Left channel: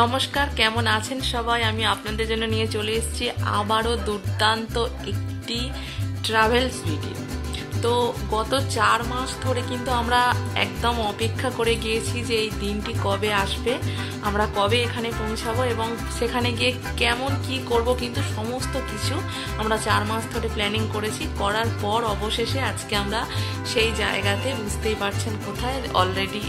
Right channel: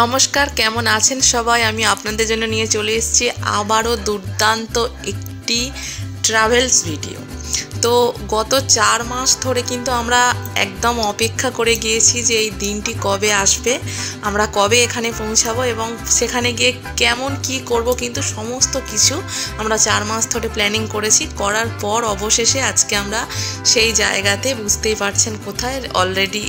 নমস্কার, কেমন আছেন সবাই? আমি আপনাদের জন্য নিয়ে চলে এসেছি আবারও দুর্দান্ত একটি ট্রাভেলস ভিডিও। তো গত 4 মাস ধরে কিন্তু আমরা একদম অপেক্ষা করে গিয়েছি যে এই দিনটি কবে আসবে, আমরা কবে এখানে পৌঁছাবো এবং সেখানে গিয়ে কেমন কি করব, কিন্তু সমস্ত কিছু আমরা 4 মাস ধরে প্ল্যানিং করেছি। করার পর অবশেষে আজকে আমরা সেই জায়গাতে, বুঝতেই পারছেন কোথায়, অলরেডি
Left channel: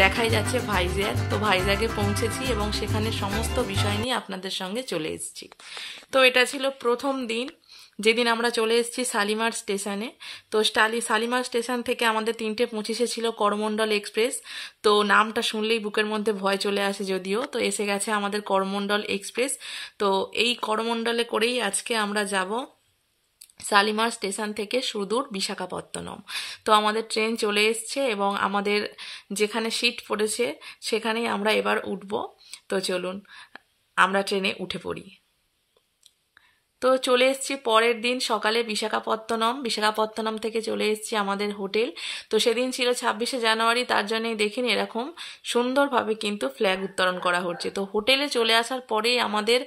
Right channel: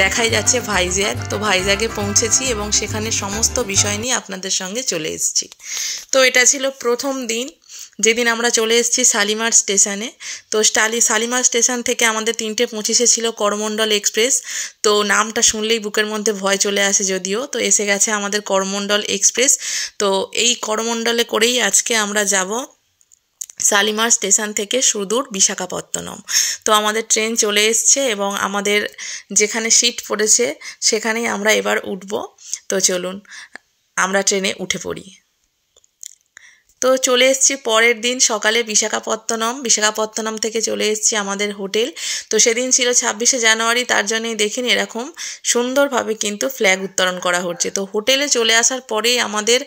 দেখাই যাচ্ছে ভাইজ্যাগ। তো ভাইজ্যাগে পৌঁছেছি এবং সেখানে সমস্ত বিষয় নিয়ে আপনাদের সঙ্গে চলে এসেছি। তো এটা ছিল প্রথম দিন, যেদিন আমরা চলে এসেছি শালিমার স্টেশনে। তো শালিমার স্টেশন থেকে আমাদের 3:25 ছিল করমণ্ডল এক্সপ্রেস। তো নামটা শুনলেই বুকের মধ্যে ভয় চলে আসে, যদিও তো এসে গেছে আমাদের করমণ্ডল এক্সপ্রেস। তো এই করমণ্ডলে করেই আজকে আমরা যাব শালিমার স্টেশন থেকে সুদূর বিশাখাপত্তনম। তো আমাদের ট্রেন চলে এসছে এবং আমাদের যেখানে সিট পড়েছে সেখানেই আমরা এবার উঠব। তো চলুন আমরা ট্রেনে উঠে পড়ি। তো চলে এসেছি পরের দিন সকালে বিশাখাপত্তনম থেকে চলে এসেছি আমাদের হোটেল। তো সেদিন ছিল 26শে জানুয়ারি, তার জন্যই দেখেন এরকম সুন্দরভাবে কিন্তু ফ্ল্যাগ উত্তোলন করা হচ্ছে। তো হোটেলে চলে আসার পরেই আমাদের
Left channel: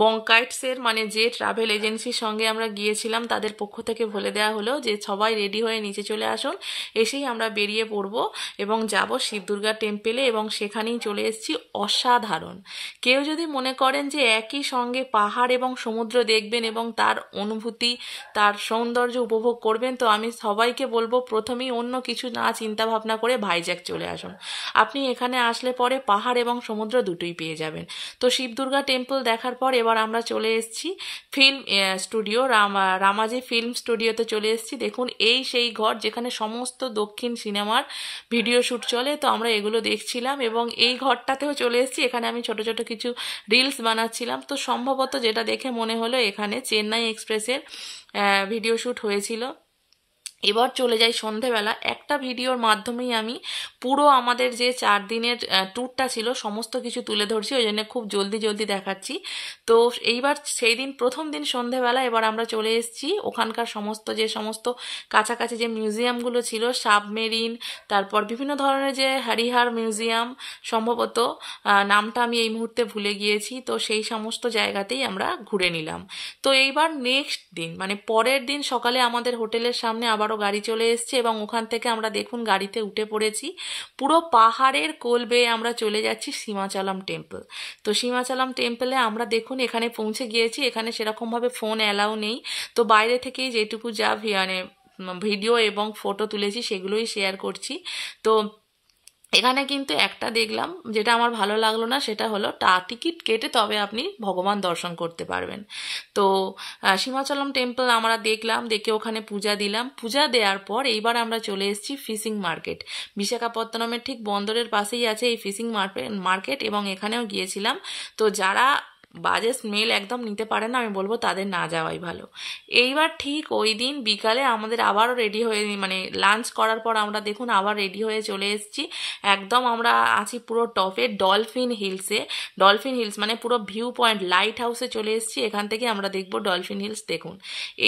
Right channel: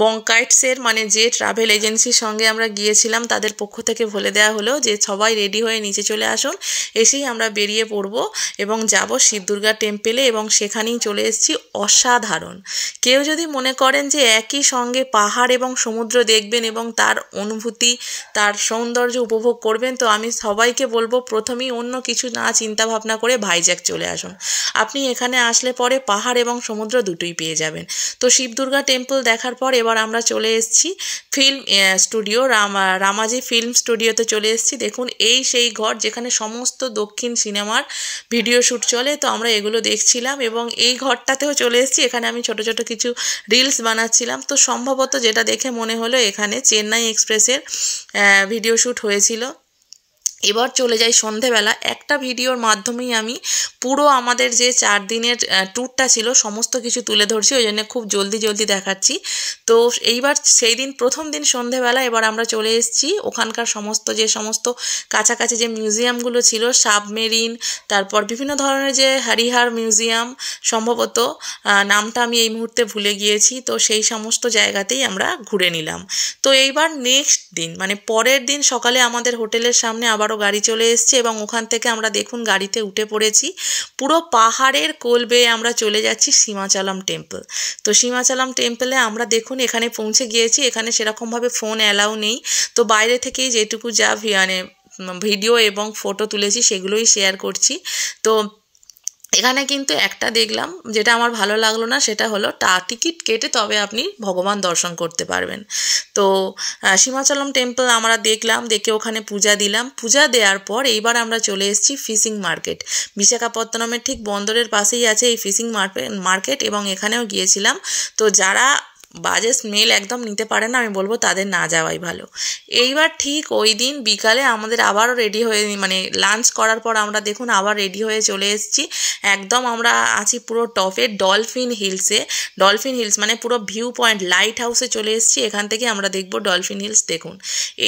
বঙ্কাইটসের যে ট্রাভেল এজেন্সির সঙ্গে আমরা গিয়েছিলাম তাদের পক্ষ থেকে বলে দেওয়া হলো যে সবাই রেডি হয়ে নিচে চলে আসুন, এসেই আমরা বেরিয়ে পড়ব এবং যাব শিব দুর্গা টেম্পেলে। এবং সেখানেই চলে এসেছি। অসাধারণ। কেউ যদি মনে করেন যে একই সঙ্গে পাহাড় এবং সমুদ্র দেখবেন এবং তার অনুভূতি, তার সৌন্দর্য উপভোগ করবেন, তো আমি সবাইকে বলবো প্রথমেই অন্য কিছু না চিন্তা ভাবনা করে ভাইজ্যাগ চলে আসুন। আপনি এখানে আসলে পরে পাহাড় এবং সমুদ্র দুটোই পেয়ে যাবেন। তো শিব দুর্গা টেম্পল দেখার পর এবার আমরা চলে এসেছি ফিল্ম স্টুডিও, রামাজি ফিল্ম স্টুডিওতে চলে এসেছি। দেখুন এই সেই ঘর যেখানে সমস্ত দক্ষিণ সিনেমার ভিডিও শ্যুট চলে। তো আমরা এগুলো দেখছিলাম এবং এই ঘরটাতেও চলে এসেছি। এখানে আমি ছোট ছোট কিছু রিলস বানাচ্ছিলাম। তো সম্ভবত যেটা দেখে মনে হলো এখানে চেন্নাই এক্সপ্রেসের ভিডিও শ্যুট হয়েছিল। এবার চলে যাই সন্ধেবেলা। একটা ভিডিওর মাধ্যমেই আমি পুরো আমাদের যে 4 দিনের ট্যুরটা ছিল সমস্ত কিছু তুলে ধরছি, ওই জন্য খুব জলদি দেখাচ্ছি। তো এইবার সেই দিন প্রথম দিন সন্ধেবেলা এবার আমরা চলে এসেছি ওখানকার সমস্ত কাছাকাছি যে মিউজিয়ামগুলো ছিল, সাবমেরিন, তারপর বিভিন্ন ধরনের যে হরিহার মিউজিয়াম, সম্ভবত নামটা আমি এই মুহূর্তে ভুলে গিয়েছি। তো সেই সমস্ত জায়গাতেই আমরা ঘুরে নিলাম। তো এইবার নেক্সট দিন পরের দিন সকালে আমাদের হোটেলের সামনে আবার গাড়ি চলে এসছে এবং ওখান থেকে আমরা দেখুন গাড়িতে উঠে পড়েছি। পুরো পাহাড়ের কোল বেয়ে আমরা চলে যাচ্ছি সীমাচলম টেম্পল। তো সীমাচলম টেম্পলে আমরা দেখুন এখানে পৌঁছে গিয়েছি। এখানে সেরকমভাবে ফোন অ্যালাউ নেই। তো বাইরে থেকেই যেটুকু যা ভিডিও এবং ফটো তুলেছি সেগুলোই শেয়ার করছি। তো এখানে কিন্তু একটা দেখলাম যেটা আমার ভালো লাগলো না, সেটা হলো টিকিট কেটে তবে আপনি ভগবান দর্শন করতে পারবেন। তো সীমাচলম টেম্পল আমরা দেখলাম, দেখে ওখানে পূজা দিলাম। পূজা দেওয়ার পর এইবার আমরা চলে এসেছি ফিশিং মার্কেট। বিশাখাপত্তনমের ঠিক বন্দরের পাশেই আছে এই ফিশিং মার্কেট এবং এখানেও গিয়েছিলাম। তো যারা বাজে স্মেল একদম নিতে পারে না, আমি বলবো তাদের না যাওয়াই ভালো। এইবার ঠিক ওই দিন বিকালে আমাদের আবারও রেডি হয়ে লাঞ্চ করার পর আমরা দেখুন আবার রেডি হয়ে চলে এসেছি। একদম আমরা আছি পুরো টপে ডলফিন হিলসে। ডলফিন হিলস পুরো ভিউ পয়েন্ট, লাইট হাউসে চলে এসেছি। এখান থেকে আমরা দেখব ডলফিন হিলস। দেখুন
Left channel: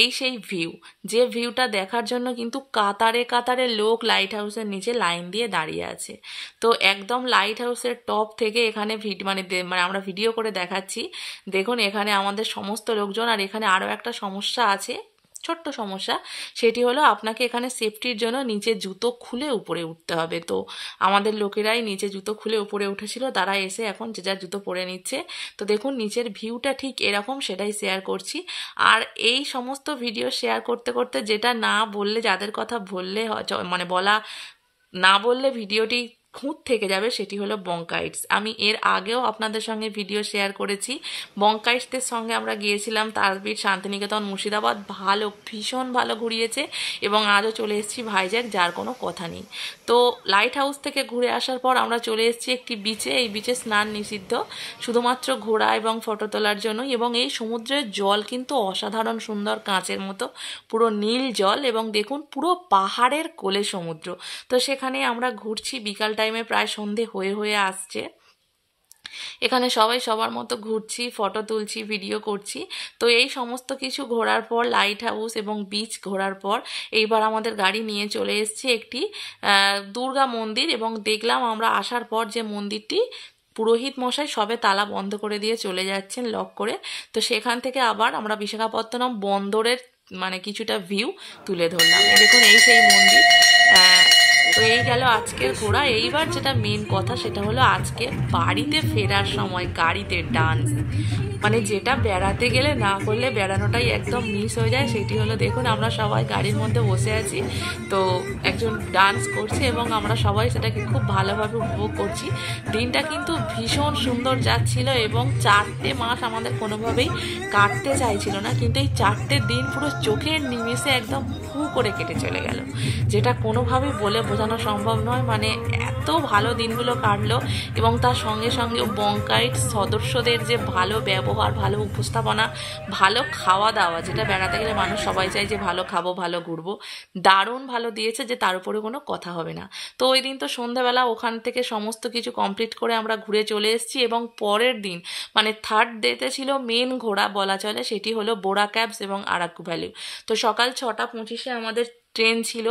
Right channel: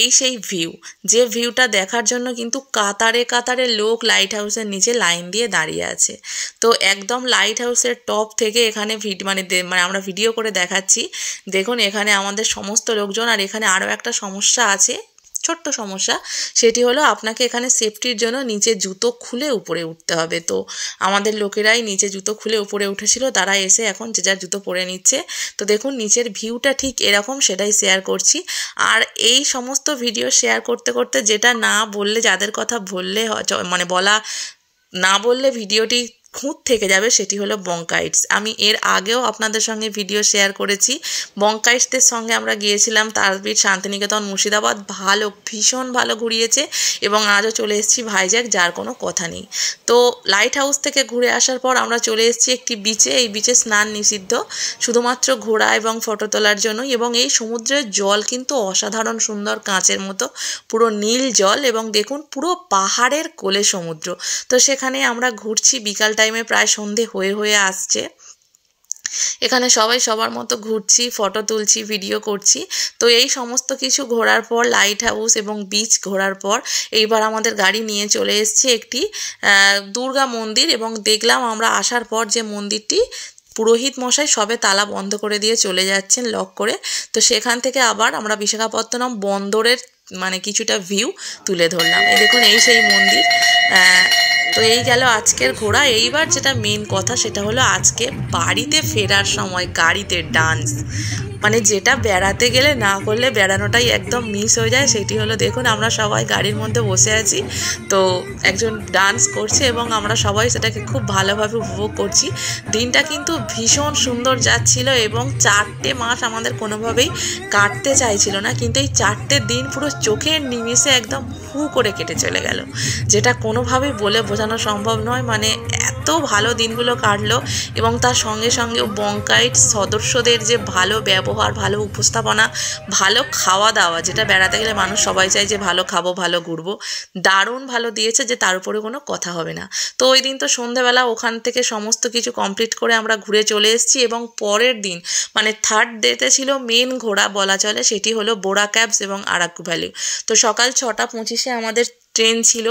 এই সেই ভিউ, যে ভিউটা দেখার জন্য কিন্তু কাতারে কাতারে লোক লাইট হাউসের নিচে লাইন দিয়ে দাঁড়িয়ে আছে। তো একদম লাইট হাউসের টপ থেকে এখানে আমরা ভিডিও করে দেখাচ্ছি। দেখুন এখানে আমাদের সমস্ত লোকজন। আর এখানে আরও একটা সমস্যা আছে, ছোট্ট সমস্যা, সেটি হলো আপনাকে এখানে সেফটির জন্য নিচে জুতো খুলে উপরে উঠতে হবে। তো আমাদের লোকেরাই নিচে জুতো খুলে উপরে উঠেছিল, তারা এসে এখন যে যার জুতো পরে নিচ্ছে। তো দেখুন নিচের ভিউটা ঠিক এরকম, সেটাই শেয়ার করছি। আর এই সমস্ত ভিডিও শেয়ার করতে করতে যেটা না বললে, যাদের কথা বললে বলা না বললে ভিডিওটি খুঁত থেকে যাবে, সেটি হলো বঙ্কাইটস। আমি এর আগেও আপনাদের সঙ্গে ভিডিও শেয়ার করেছি। বঙ্কাইটসদের সঙ্গে আমরা গিয়েছিলাম তারাপীঠ, শান্তিনিকেতন, মুর্শিদাবাদ। ভীষণ ভালো ঘুরিয়েছে এবং আজও চলে এসেছি ভাইজ্যাগ, যার কোনো কথা নেই। তো লাইট হাউস থেকে ঘুরে আসার পর আমরা চলে এসেছি একটি বিচে। এই বিচে স্নান নিষিদ্ধ, শুধুমাত্র ঘোরা এবং ফটো তোলার জন্যই। এবং এই সমুদ্রের জল কিন্তু অসাধারণ সুন্দর, কাঁচের মতো পুরো নীল জল। এবং দেখুন পুরো পাহাড়ের কোলে সমুদ্র। তো সেখানে আমরা ঘুরছি বিকাল টাইমে, প্রায় সন্ধে হয়ে আসছে। এখানে সবাই সবার মতো ঘুরছি, ফটো তুলছি, ভিডিও করছি। তো এই সমস্ত কিছু ঘোরার পর, লাইট হাউস এবং বিচ ঘোরার পর, এইবার আমাদের গাড়ি নিয়ে চলে এসেছি একটি দুর্গা মন্দির। এবং দেখলাম আমরা আসার পর যে মন্দিরটি পুরোহিত মশাই সবে তালা বন্ধ করে দিয়ে চলে যাচ্ছেন লক করে। তো সেখান থেকে আবার আমরা বিশাখাপত্তনম বন্দরের মানে কিছুটা ভিউ তুলে ধরলাম। এই দেখুন, এই সেই মন্দির। তো এই গেল আজকের ঘোরা। এইবার যেটা মেন কথা সেটা হলো আজকে বাড়িতে ফেরার সময় গাড়িতে ডান্স, মানে যেটা বেড়াতে গেলে না করলে বেড়ানোটাই একদম মিস হয়ে যায়। সেটি হলো, দেখুন আমরা সবাই গাড়ির মধ্যে বসে আছি, তো একজন ডান্স করছে এবং আমরা সবাই সেটাকে খুব ভালোভাবে উপভোগ করছি। দিনটা কিন্তু ভীষণ সুন্দর যাচ্ছিল এবং 4টে মাস আমাদের কোনোভাবেই কাটতে চাইছিল না, কিন্তু এই 4টে দিন পুরো চোখের নিমেষে একদম হু করে কেটে চলে গেল, যেটা কোনোভাবেই বলে বোঝানো সম্ভব নয়। মানে এত ভালো দিনগুলো কাটলো এবং তার সঙ্গে সঙ্গে বঙ্কাইট সদস্যদের যে ভালো ব্যবহার, ভালো উপস্থাপনা, ভালো খাওয়া দাওয়া, যেটা বেড়াতে গেলে মানুষ সবাই চায় যে ভালো খাবো, ভালো ঘুরবো, দারুণ ভালো দিয়েছে, যে তার উপরে কোনো কথা হবে না। তো ওই দিন তো সন্ধ্যেবেলা ওখান থেকে সমস্ত কিছু কমপ্লিট করে আমরা ঘুরে চলে এসেছি এবং পরের দিন মানে 3rd ডেতে ছিল মেন ঘোরা বলা চলে, সেটি হলো বোরা ক্যাবস এবং আরাকু ভ্যালি। তো সকাল 6:25 আমাদের ট্রেন ছিল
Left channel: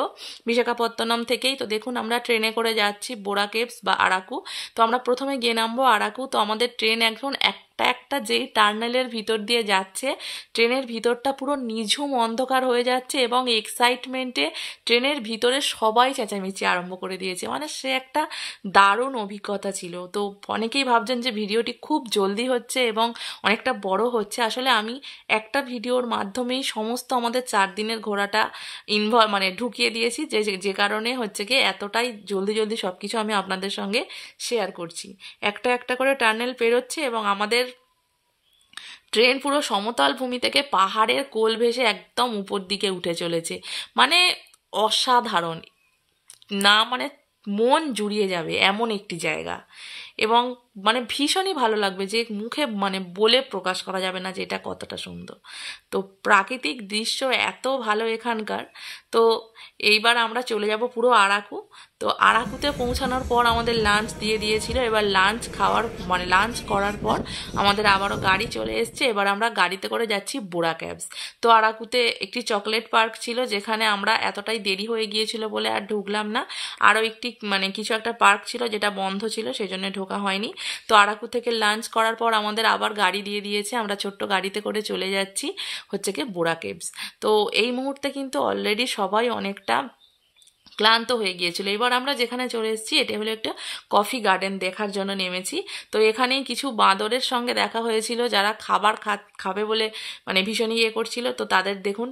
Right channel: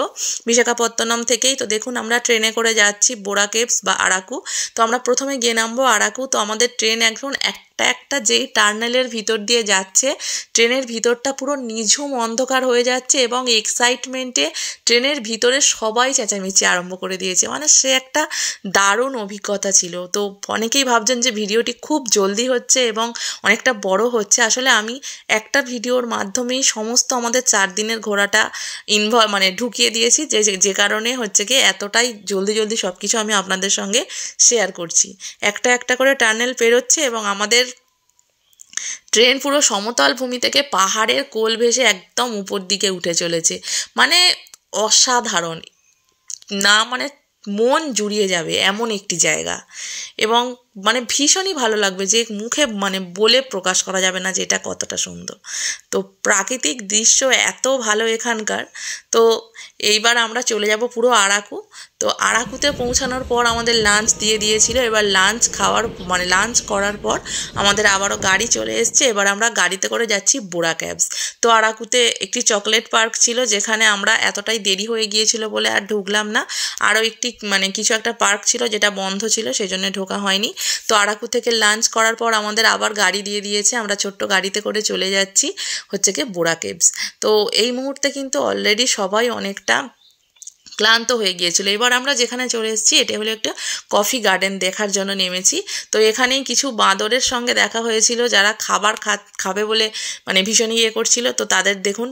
বিশাখাপত্তনম থেকেই। তো দেখুন আমরা ট্রেনে করে যাচ্ছি বোরা কেভস বা আরাকু। তো আমরা প্রথমে গিয়ে নামবো আরাকু। তো আমাদের ট্রেন এখন একটা যেই টার্নেলের ভিতর দিয়ে যাচ্ছে, ট্রেনের ভিতরটা পুরো নিঝুম অন্ধকার হয়ে যাচ্ছে এবং এক্সাইটমেন্টে ট্রেনের ভিতরে সবাই চেঁচামেচি আরম্ভ করে দিয়েছে। মানে সে একটা দারুণ অভিজ্ঞতা ছিল। তো অনেকেই ভাবছেন যে ভিডিওটি খুব জলদি হচ্ছে এবং অনেকটা বড় হচ্ছে। আসলে আমি একটা ভিডিওর মাধ্যমেই সমস্ত আমাদের 4 দিনের ঘোরাটা মানে ঢুকিয়ে দিয়েছি, যে কারণে হচ্ছে কি এতটাই জলদি সব কিছু আমি আপনাদের সঙ্গে শেয়ার করছি। একটা করে টানেল পেরোচ্ছে এবং আমাদের ট্রেন পুরো সমতল ভূমি থেকে পাহাড়ের কোল ভেসে একদম উপর দিকে উঠে চলেছে। মানে অসাধারণ, না মানে মন জুড়িয়ে যাবে এমন একটি জায়গা এবং মানে ভীষণই ভালো লাগবে, যে মুখে মানে বলে প্রকাশ করা যাবে না যে এটা কতটা সুন্দর। তো প্রাকৃতিক দৃশ্য এত ভালো এখানকার। তো এইবার আমরা চলে যাব পুরো আরাকু। তো আরাকুতে পৌঁছানোর পর আমাদের লাঞ্চ দিয়ে দিয়েছিল। এবার লাঞ্চ করার পর আমাদের আবারও গাড়ি চলে এসছে। এবার আমরা গাড়িতে করে যাচ্ছি বোরা ক্যাবস। তো আরাকুতে একটি চকলেট পার্ক ছিল, যেখানে আমরা এতটাই দেরি হয়ে গিয়েছিল বলে আর ঢুকলাম না। আরও একটি মানে কিছু একটা পার্ক ছিল যেটা বন্ধ ছিল, সেই জন্য ঢোকা হয়নি। তো আরাকু থেকে লাঞ্চ করার পর আমাদের আবার গাড়ি দিয়ে দিয়েছে। আমরা ছোট্ট গাড়িতে করে চলে যাচ্ছি হচ্ছে কি বোরা কেভস। তো এই মুহূর্তে কিন্তু অলরেডি সবাই অনেকটা ক্লান্ত হয়ে গিয়েছিল। এবার আমরা যেখানে চলে এসেছি এটা হলো একটা কফি গার্ডেন দেখার জন্য নেমেছি। তো এখানেই কিছু বাঁদরের সঙ্গে দেখা হয়েছিল, যারা খাবার খাবে বলে মানে ভীষণ ইয়ে করছিল। তো তাদের দেখুন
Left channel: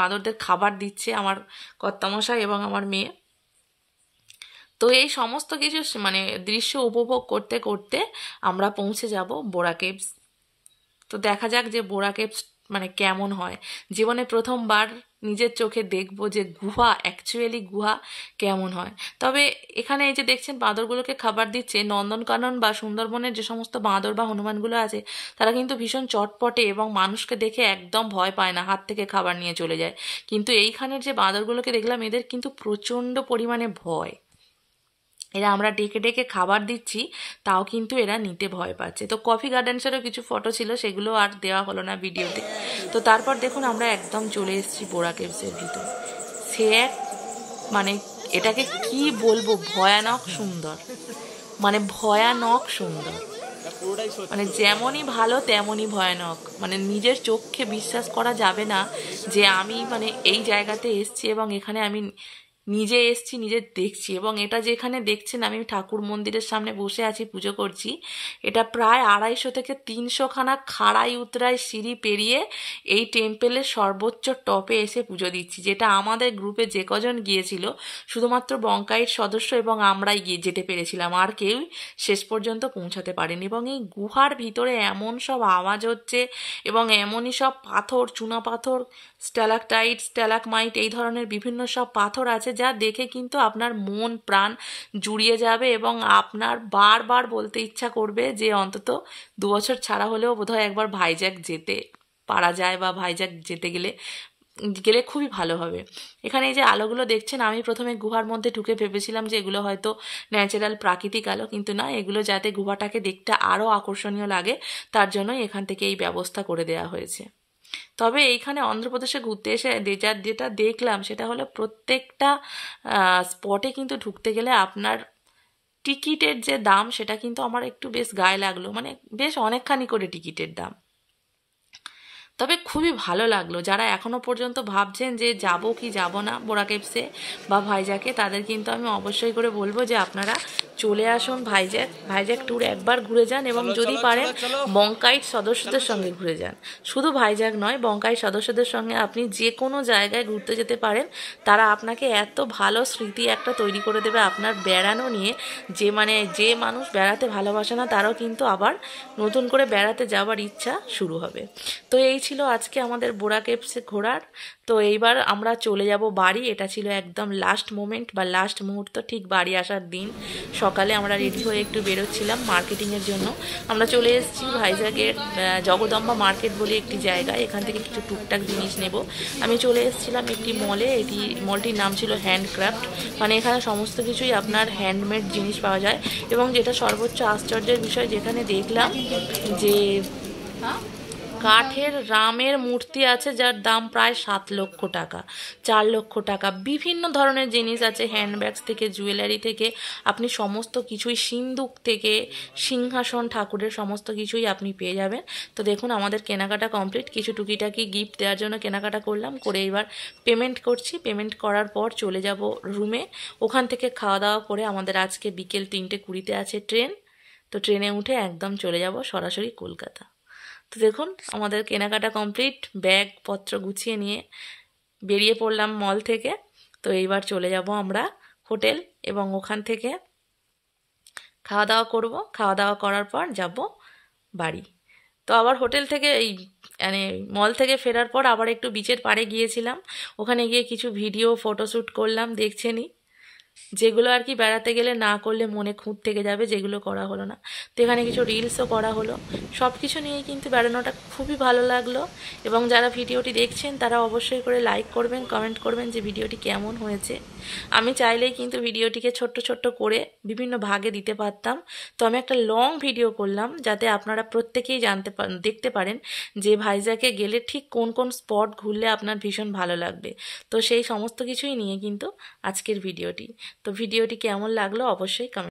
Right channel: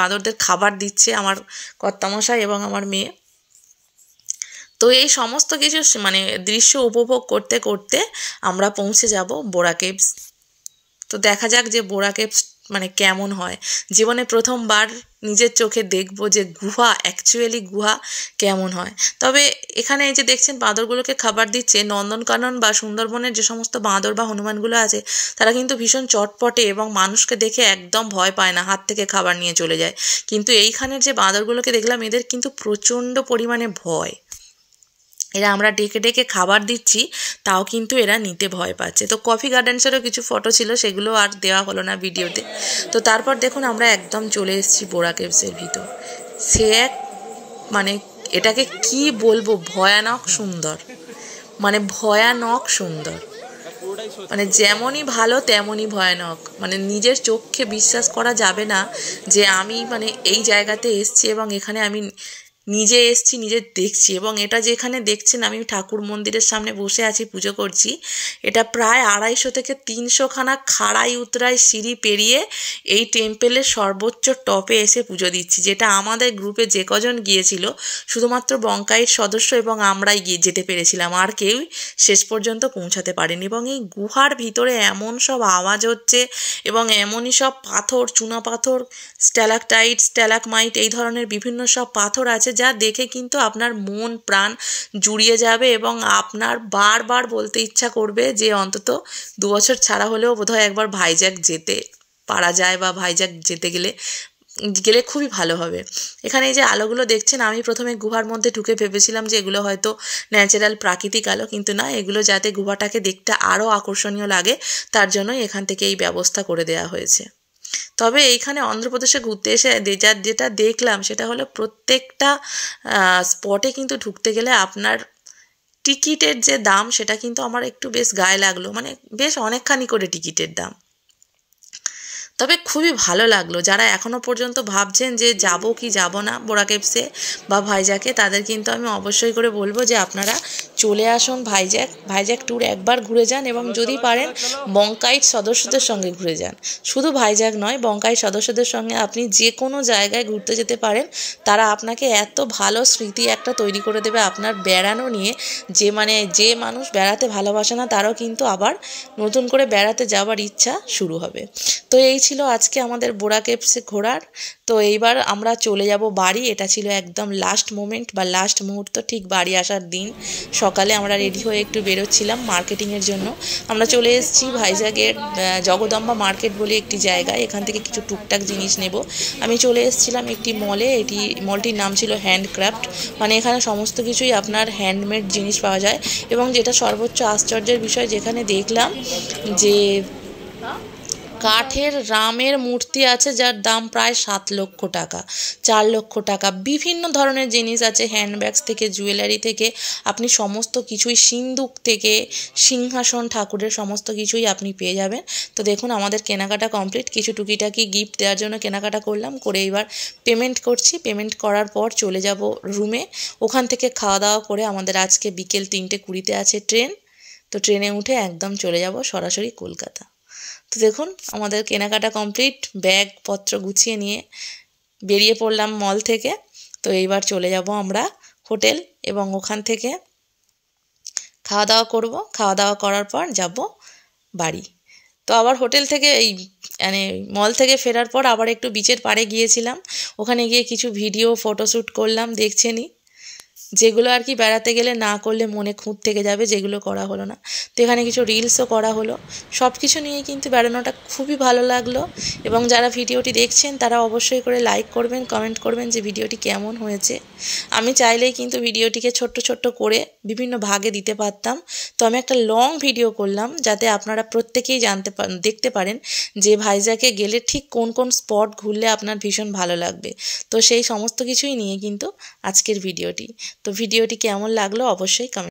বাঁদরদের খাবার দিচ্ছে আমার কর্তামশাই এবং আমার মেয়ে। তো এই সমস্ত কিছু মানে দৃশ্য উপভোগ করতে করতে আমরা পৌঁছে যাব বোরা কেভস। তো দেখা যাক যে বোরা কেভস মানে কেমন হয়। জীবনে প্রথমবার নিজের চোখে দেখবো যে অ্যাকচুয়ালি গুহা কেমন হয়। তবে এখানে এই যে দেখছেন বাঁদরগুলোকে খাবার দিচ্ছে, নন্দনকানন বা সুন্দরবনের যে সমস্ত বাঁদর বা হনুমানগুলো আছে তারা কিন্তু ভীষণ চটপটে এবং মানুষকে দেখে একদম ভয় পায় না, হাত থেকে খাবার নিয়ে চলে যায়। কিন্তু এইখানের যে বাঁদরগুলোকে দেখলাম এদের কিন্তু প্রচণ্ড পরিমাণে ভয়। এরা আমরা ডেকে খাবার দিচ্ছি তাও কিন্তু এরা নিতে ভয় পাচ্ছে। তো কফি গার্ডেন্সেরও কিছু ফটো ছিল, সেগুলো আর দেওয়া হলো না ভিডিওতে। তো তারপর দেখুন আমরা একদম চলে এসেছি বোরা কেভসের ভিতর। সে এক মানে এটাকে কি বলবো, ভয়ানক সুন্দর, মানে ভয়ানক সুন্দর, মানে যেমনই ভালো তেমনই ভয়ানক। মানে নিজের চোখে বিশ্বাস করা যাবে না যে আমি মানে এই জায়গাতে এসেছি এবং এখানে আমি নিজে এসছি, নিজে দেখছি। এবং এটা যেখানে দেখছেন আমি ঠাকুর মন্দিরের সামনে বসে আছি, পুজো করছি। এটা প্রায় 250 থেকে 300খানা খাড়াই উতরাই সিঁড়ি পেরিয়ে এই টেম্পেলের সর্বোচ্চ টপে এসে পুজো দিচ্ছি, যেটা আমাদের গ্রুপে যে কজন গিয়েছিল শুধুমাত্র বঙ্কাইট সদস্য এবং আমরাই যেতে পেরেছিলাম, আর কেউই শেষ পর্যন্ত পৌঁছাতে পারেনি। এবং এই গুহার ভিতরে এমন সব আওয়াজ হচ্ছে এবং এমনই সব পাথর, চুনা পাথর, স্ট্যালাকটাইট, স্ট্যালাকমাইট, এই ধরনের বিভিন্ন সব পাথর আছে যা দেখে কিন্তু আপনার মন প্রাণ জুড়িয়ে যাবে এবং আপনার বারবার বলতে ইচ্ছা করবে যে অন্তত 2 বছর ছাড়া হলেও বোধহয় একবার ভাইজ্যাক যেতে পারা যায় বা ভাইজ্যাক যেতে গেলে খুবই ভালো হবে। এখানে এই যে আলোগুলো দেখছেন, আমি প্রথমে গুহার মধ্যে ঢুকে ভেবেছিলাম যে এগুলো হয়তো ন্যাচারাল প্রাকৃতিক আলো, কিন্তু না, এগুলো যাতে গুহাটাকে দেখতে আরও আকর্ষণীয় লাগে তার জন্যই এখান থেকে এই ব্যবস্থা করে দেওয়া হয়েছে। তবে এইখানে অন্ধ্রপ্রদেশে ঘুরতে এসে যেটা দেখলাম সেটা হলো প্রত্যেকটা স্পটে কিন্তু ঢুকতে গেলে আপনার টিকিটের যে দাম সেটা কিন্তু আমার একটু বেশ গায়ে লাগলো, মানে বেশ অনেকখানি করে টিকিটের দাম। তবে খুবই ভালো লাগলো। যারা এখনও পর্যন্ত ভাবছেন যে যাব কি যাব না বোরা কেভসে বা ভাইজ্যাকে, তাদের কিন্তু আমি অবশ্যই করে বলবো যে আপনারা চলে আসুন ভাইজ্যাক ট্যুর একবার ঘুরে যান, এবং যদি পারেন বঙ্কাইট সদস্যদের সঙ্গে ঘুরে যান। শুধু ভাইজ্যাক নয়, বঙ্কাইট সদস্যদের সঙ্গে আপনি যে কোনো জায়গায় ঘুরতে যেতে পারেন। তারা আপনাকে এত ভালো স্মৃতি একটা তৈরি করে দেবে আপনার বেড়ানো নিয়ে, যে মানুষ বেড়াতে ভালোবাসে না তারও কিন্তু আবার নতুন করে বেড়াতে যাওয়ার ইচ্ছা শুরু হবে। তো এই ছিল আজকে আমাদের বোরা কেভসে ঘোরার। তো এইবার আমরা চলে যাব বাড়ি। এটা ছিল একদম লাস্ট মোমেন্ট বা লাস্ট মুহূর্ত, ঠিক বাড়ি আসার দিন সকালে আমরা রেডি হয়ে একটু বেরোচ্ছিলাম মার্কেটিংয়ের জন্য। আমরা চলে এসেছি ভাইজ্যাগের জগদম্বা মার্কেট বলে একটি জায়গায়, এখান থেকে কিছু টুকটাক জিনিস নেব। আমি চলে এসেছিলাম একটি মলে, মলটির নাম ছিল হ্যান্ডক্রাফট, মানে এখানে সমস্ত কিছুই আপনার হ্যান্ডমেড জিনিস পাওয়া যায়। এবং যেটা সর্বোচ্চ আশ্চর্যের বিষয়, যেখানে দেখলাম যে কাঠের রামের মূর্তি আছে যার দাম প্রায় 7 লক্ষ টাকা, 4 লক্ষ টাকা। বিভিন্ন ধরনের জিনিস আছে, হ্যান্ডব্যাগস থেকে জুয়েলারি থেকে আপনি সমস্ত কিছুই, সিন্দুক থেকে সিংহাসন ঠাকুরের সমস্ত কিছুই আপনি পেয়ে যাবেন। তো দেখুন আমাদের কেনাকাটা কমপ্লিট, কিছু টুকিটাকি গিফট দেওয়ার জন্য কেনাকাটা করলাম, করে এবার পেমেন্ট করছি। পেমেন্ট করার পর চলে যাব রুমে, ওখান থেকে খাওয়া দাওয়া করে আমাদের আজকে বিকেল 3:20 আছে ট্রেন। তো ট্রেনে উঠে একদম চলে যাব সরাসরি কলকাতা। তো দেখুন আমাদের কেনাকাটা কমপ্লিট, ব্যাগপত্র গুছিয়ে নিয়ে বেরিয়ে পড়লাম মল থেকে। তো এইবার চলে যাব আমরা হোটেল, এবং ওখান থেকে খাওয়া দাওয়া করব। খাওয়া দাওয়া করার পর যাব বাড়ি। তো আবার হোটেল থেকে মানে মল থেকে ফেরার পর আবার একটু বিচের পাড়ে গিয়েছিলাম, ওখানে গিয়ে কিছু ভিডিও ফটোশ্যুট করলাম, দেখছেনই, যেগুলো আর কি বেড়াতে গেলে না করলে মনে খুঁত থেকে যাবে, যেগুলো করা হলো না। তো এখানে কিছু রিলসও করা হলো। সব কিছু নিয়ে কিন্তু বেড়ানোটা খুবই ভালো লাগলো। এবং যারা ভিডিওটি দেখছেন তারা অবশ্যই করে লাইক করবেন, কমেন্ট করবেন যে ভিডিওটি কেমন হয়েছে। আমি চাইলেই কিন্তু ভিডিওটিকে ছোট্ট ছোট্ট করে বিভিন্ন ভাগে দিতে পারতাম, তো আমি একটা লং ভিডিও করলাম যাতে আপনারা প্রত্যেকেই দেখতে পারেন যে ভাইজ্যাকে গেলে ঠিক কোন কোন স্পট ঘুরলে আপনার ভীষণ ভালো লাগবে। তো সেই সমস্ত কিছুই নিয়ে কিন্তু আজকের ভিডিওটি। তো ভিডিওটি কেমন লাগলো অবশ্যই কমেন্ট